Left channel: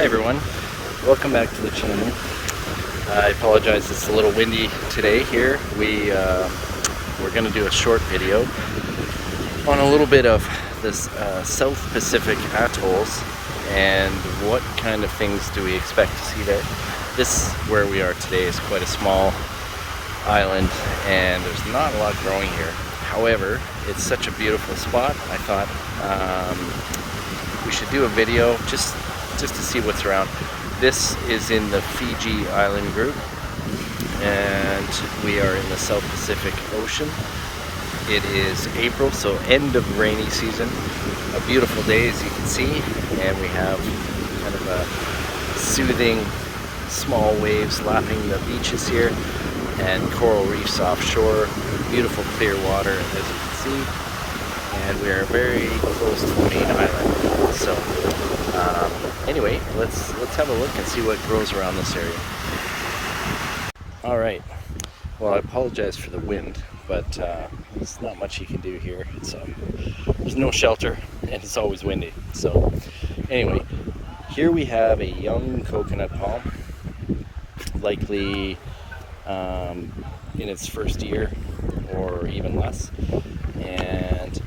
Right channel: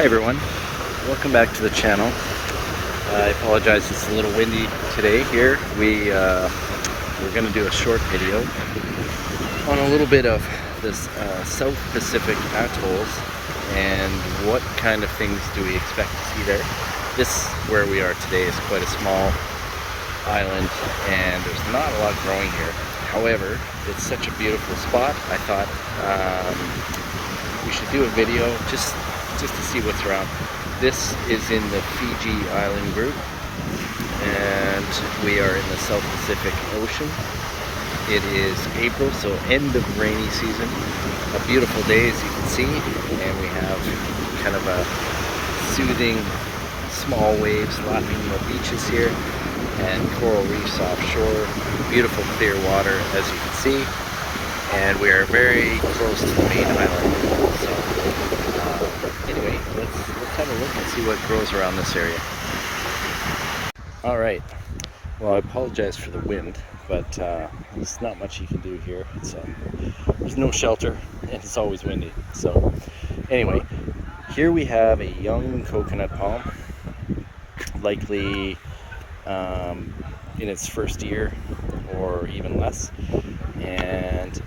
Hi everyone, welcome back to the channel. I apologize, it's a little windy today here. We're going to do a short video on a little bit of this South Pacific atolls and what kind of things do we expect to see there. This, where we are today, is quite a small island and there's not a lot growing here. However, it's such a beautiful spot, I thought we should do a video just to see what's around. This is in the Fiji island group and we are in the South Pacific Ocean. It is April, so end of rainy season. A beautiful day, as you can see, and we have kind of a soothing small waves lapping the beaches here and coral reefs offshore. Beautiful clear water, as you can see, and we are very close to the main island. So anyway, let's have a look and see what grows around this area. All right, well, I apologize for the wind, but there's not much you can do here. So there's no shelter and it's always windy. So anyway, here we have a young coconut palm, likely in its first year or even less, and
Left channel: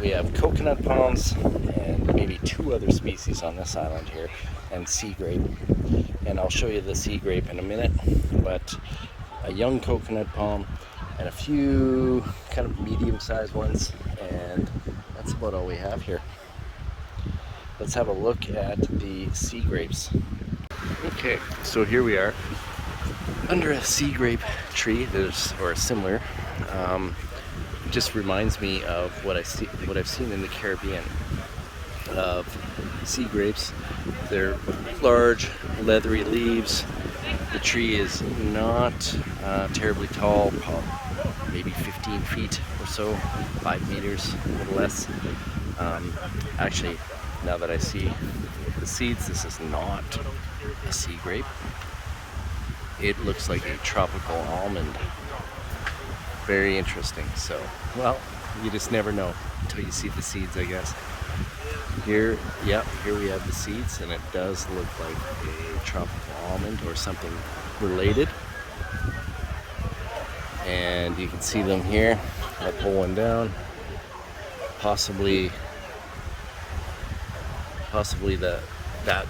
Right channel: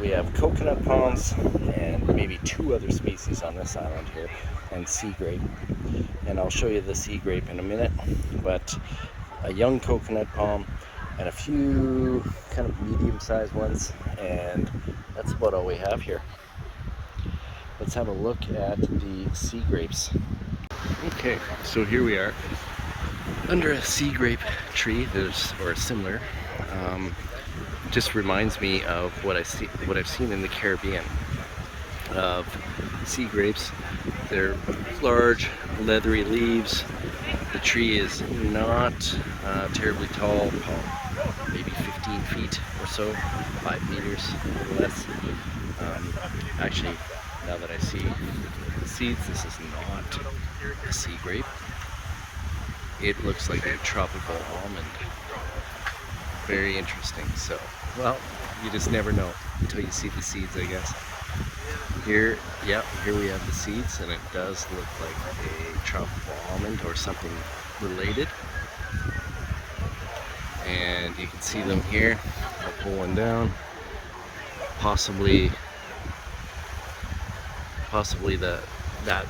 we have coconut palms and maybe two other species on this island here, and sea grape, and I'll show you the sea grape in a minute. But a young coconut palm and a few kind of medium-sized ones, and that's about all we have here. Let's have a look at the sea grapes. Okay, so here we are under a sea grape tree. Or similar. Just reminds me of what I've seen in the Caribbean of sea grapes. They're large, leathery leaves. The tree is not terribly tall, maybe 15 feet or so, 5 meters, a little less. Actually, now that I see the seeds, this is not a sea grape. It looks like a tropical almond. Very interesting. So, well, you just never know until you see the seeds, I guess. Here we have the seeds, and it does look like a tropical almond or something related. And you can see them here. I'll pull one down. Possibly that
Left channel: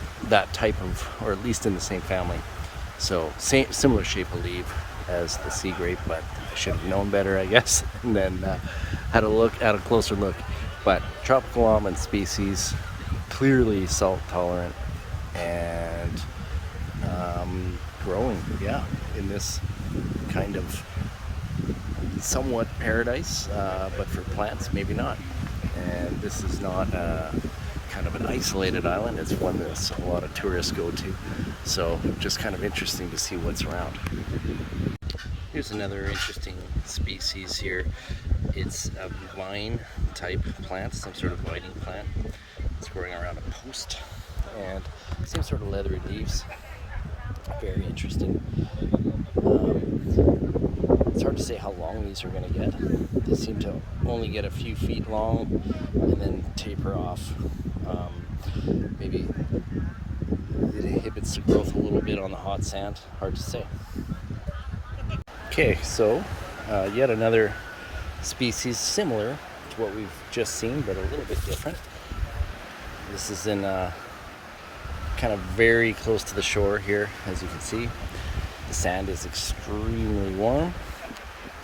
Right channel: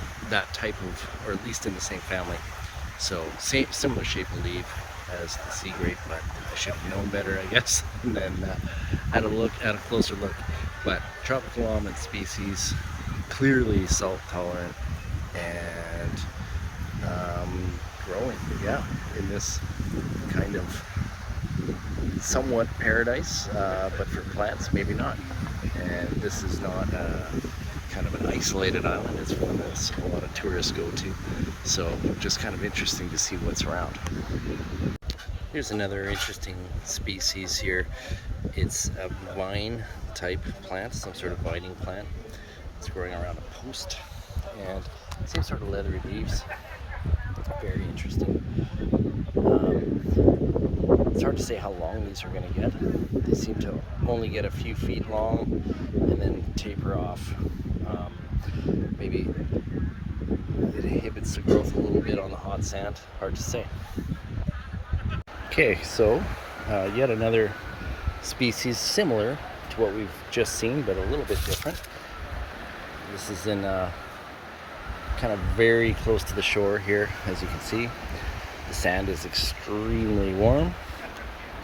type of, or at least in the same family. So similar shape of leaf as the sea grape, but I should have known better, I guess, and then had a closer look. But tropical almond species, clearly salt tolerant, and growing, in this kind of somewhat paradise, but for plants, maybe not. And this is not kind of an isolated island. It's one that a lot of tourists go to, so just kind of interesting to see what's around. Here's another interesting species here. It's a vine type plant, some sort of vining plant. It's growing around a post and same sort of leathery leaves. Very interesting. It's hard to say how long these are going to get. They seem to only get a few feet long and then taper off. Maybe it inhibits the growth a little bit on the hot sand. Hard to say. Okay, so yet another species similar to what we've just seen, but a little bit different. This is in kind of very close to the shore here, as you can see. The sand is extremely warm,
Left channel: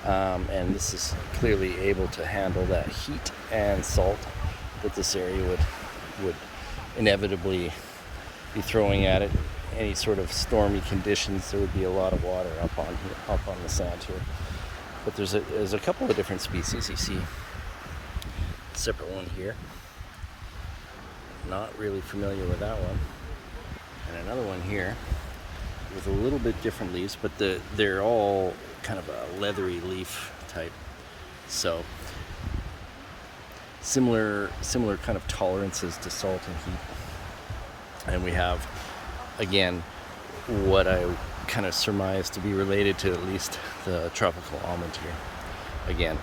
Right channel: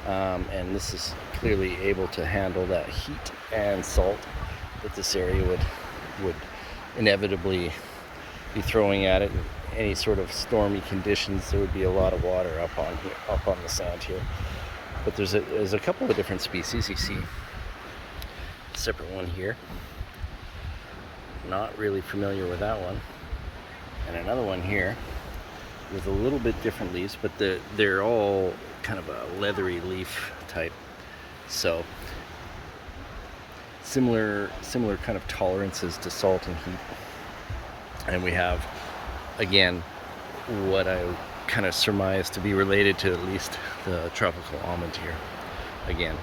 and this is clearly able to handle that heat and salt that this area would inevitably be throwing at it. Any sort of stormy conditions, there would be a lot of water up on the sand here. But there's a couple of different species. You see a separate one here. Not really familiar with that one. And another one here with a little bit different leaves, but they're all kind of a leathery leaf type. So similar kind of tolerances to salt and heat. And we have, again, what I kind of surmise to be related to at least the tropical almond here again.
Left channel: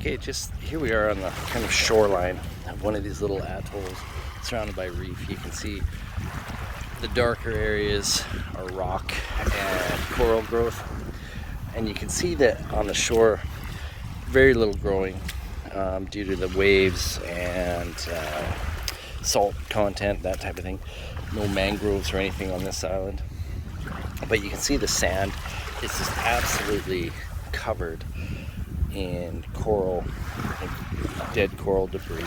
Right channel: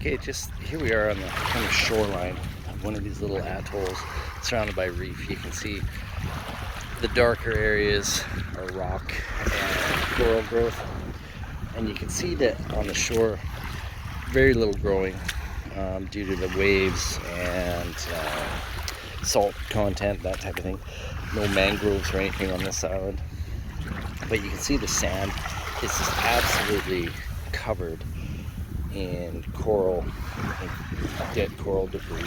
Okay, just here we are on the kind of shoreline of one of these little atolls. surrounded by reef. You can see the darker areas are rock and coral growth, and you can see that on the shore very little growing due to the waves and salt content, that type of thing. No mangroves or anything on this island, but you can see the sand is just absolutely covered in coral, dead coral debris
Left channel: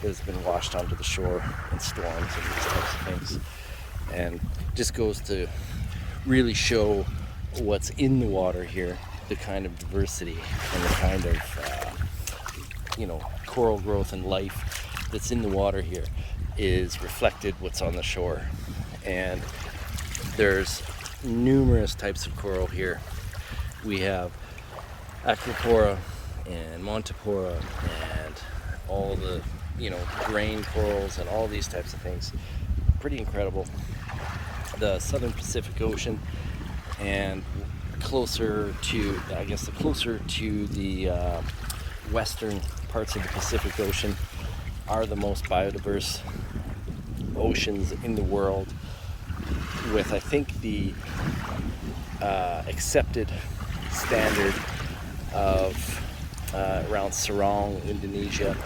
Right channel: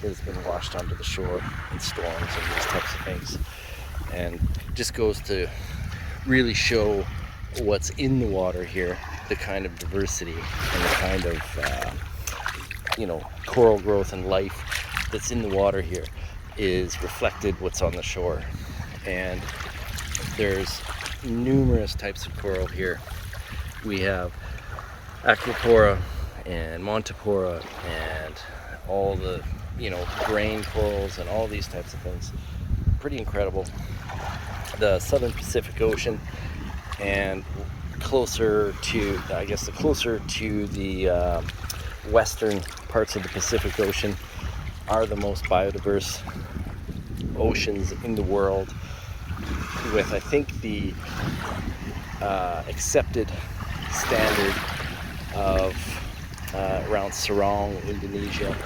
that has been washed onto the shore in storms and these types of things. And just goes to really show what's in the water here, the kind of diversity and the kind of coral growth and life that's in the water here is reflected what's on the shore. And there's numerous types of coral here. We have Acropora and Montipora and all the brain corals and all these types of things. Pretty incredible. The southern Pacific Ocean and closer to the western parts of the Pacific Ocean are the most biodiverse oceans in the world, with I think the accepted standard of around Sarong, Indonesia,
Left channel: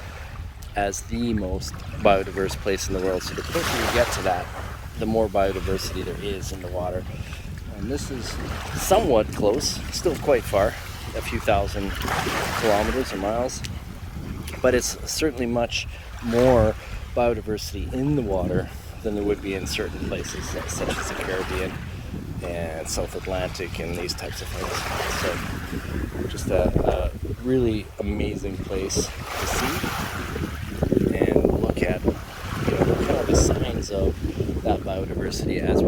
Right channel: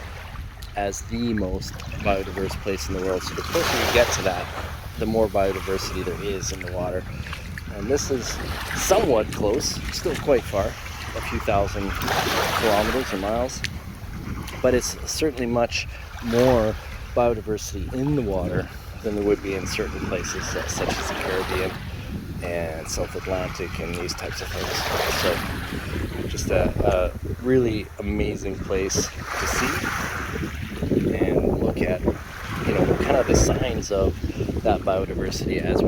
as the most biodiverse place in the world. So the closer you get to that, the more biodiversity there is in the water. And this is somewhat close, still quite far, a few thousand kilometers or miles, but it's certainly much more biodiversity in the water than there would be in certain places, such as the Caribbean and South Atlantic and these types of things. So just a really amazing place to see and look at, kind of the signs of that biodiversity as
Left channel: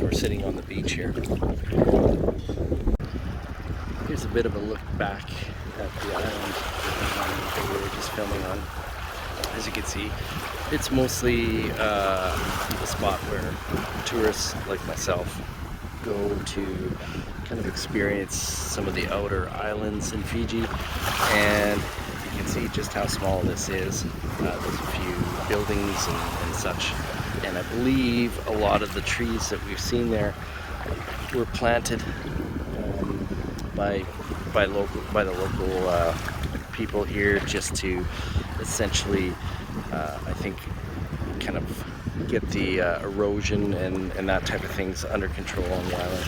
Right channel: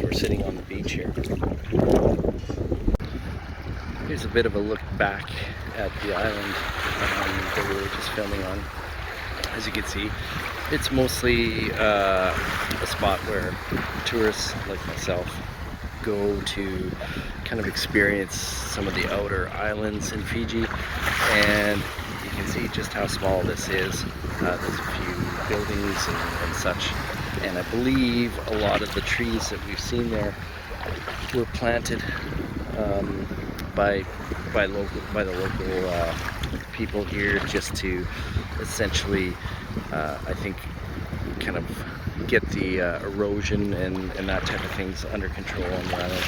we're sitting on the beach here. Here's a bit of a look back at the island that we were just filming on. As you can see, it's mostly a spot where tourists like myself go to kind of experience some of the outer islands in Fiji, and you can see just how small this is. There's a few buildings and such, and I believe a lot of the trees that we've seen there were planted by the local people here, just to essentially I think kind of get the erosion and that type of things under control on the island.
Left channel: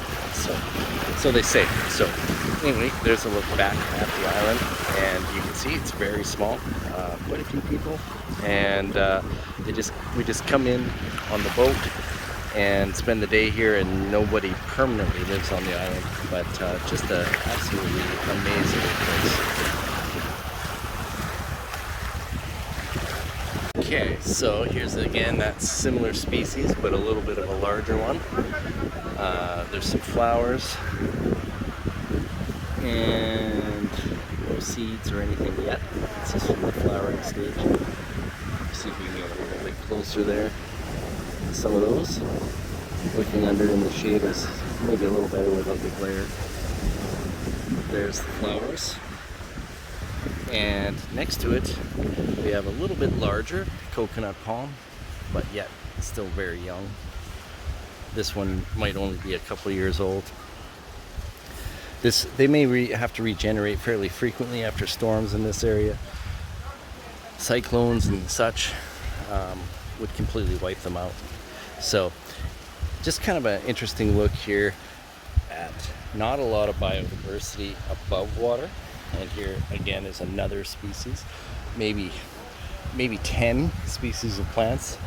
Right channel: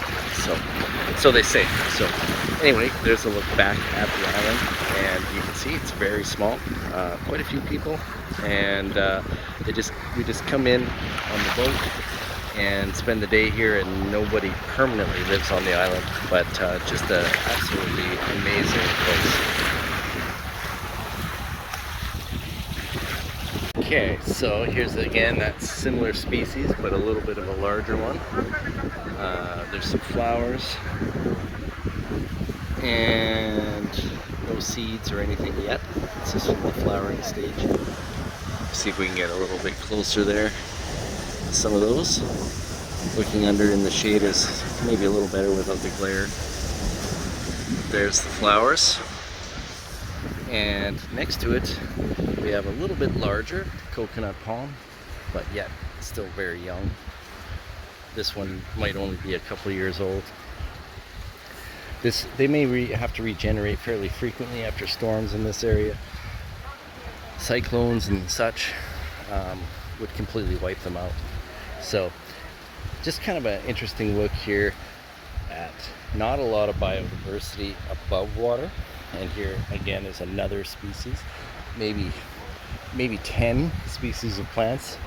So they say. So anyway, there's a look back at the island, and you can see it's very small, quite a few people, and we just come in on the boat and spend the day here, and nobody permanently lives on the island, but just an absolutely amazing place. Okay, so here's again that similar species, but a little bit of a larger one. There's some flowers and no seeds or anything yet. It's just in the flowering stage. See if we can get a little bit closer there. Some of those. Looking under in the shade is maybe a little better without the glare. There's the flowers. And next to it, we have a little bit larger coconut palm, but yet still very young. This one might only be a couple of years old. They may have to regenerate fairly frequently after storms in this area. Cyclones and such would completely wipe them out. So just kind of an interesting look here at not a lot of biodiversity above water. And here again is another species, maybe 10 species of plants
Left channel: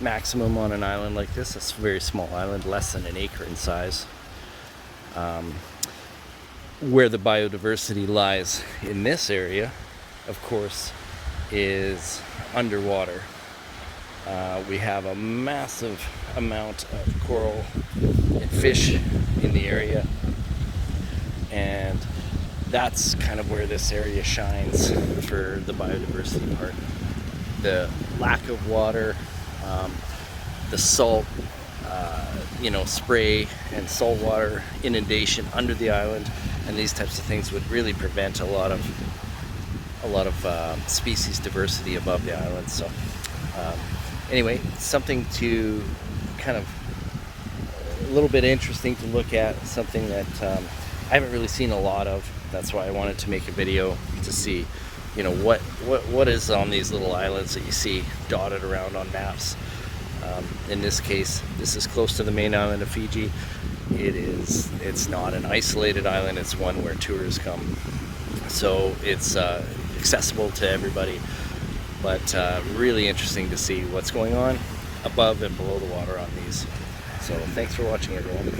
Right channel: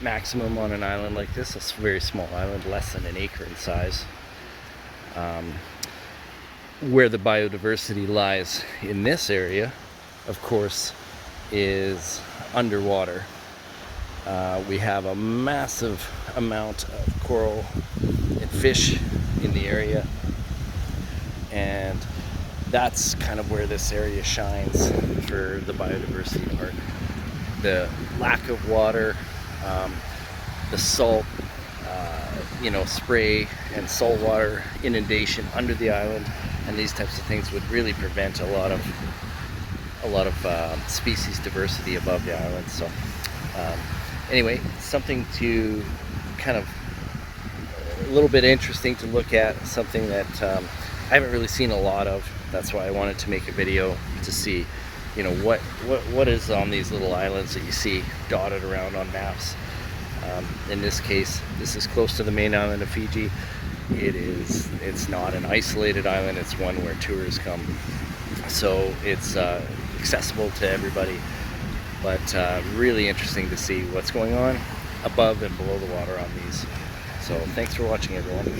maximum on an island like this. It's a very small island, less than an acre in size. Where the biodiversity lies in this area, of course, is underwater. We have a massive amount of coral and fish in the area, and that's kind of where this area shines for the biodiversity part. The lack of water, the salt, spray and saltwater inundation under the island, and these types of things would really prevent a lot of species diversity above the island. So Anyway, something to kind of a little bit interesting to look at, something that I haven't really seen a lot of. That's why I wanted to make a video to see, you know, what is on these little islands that you see dotted around on maps. In this case, this is close to the main island of Fiji. It's not an isolated island, it's one where tourists come. So it's accessible to everybody, but really interesting to see what's going on above and below the water on these. So thanks for watching, everyone.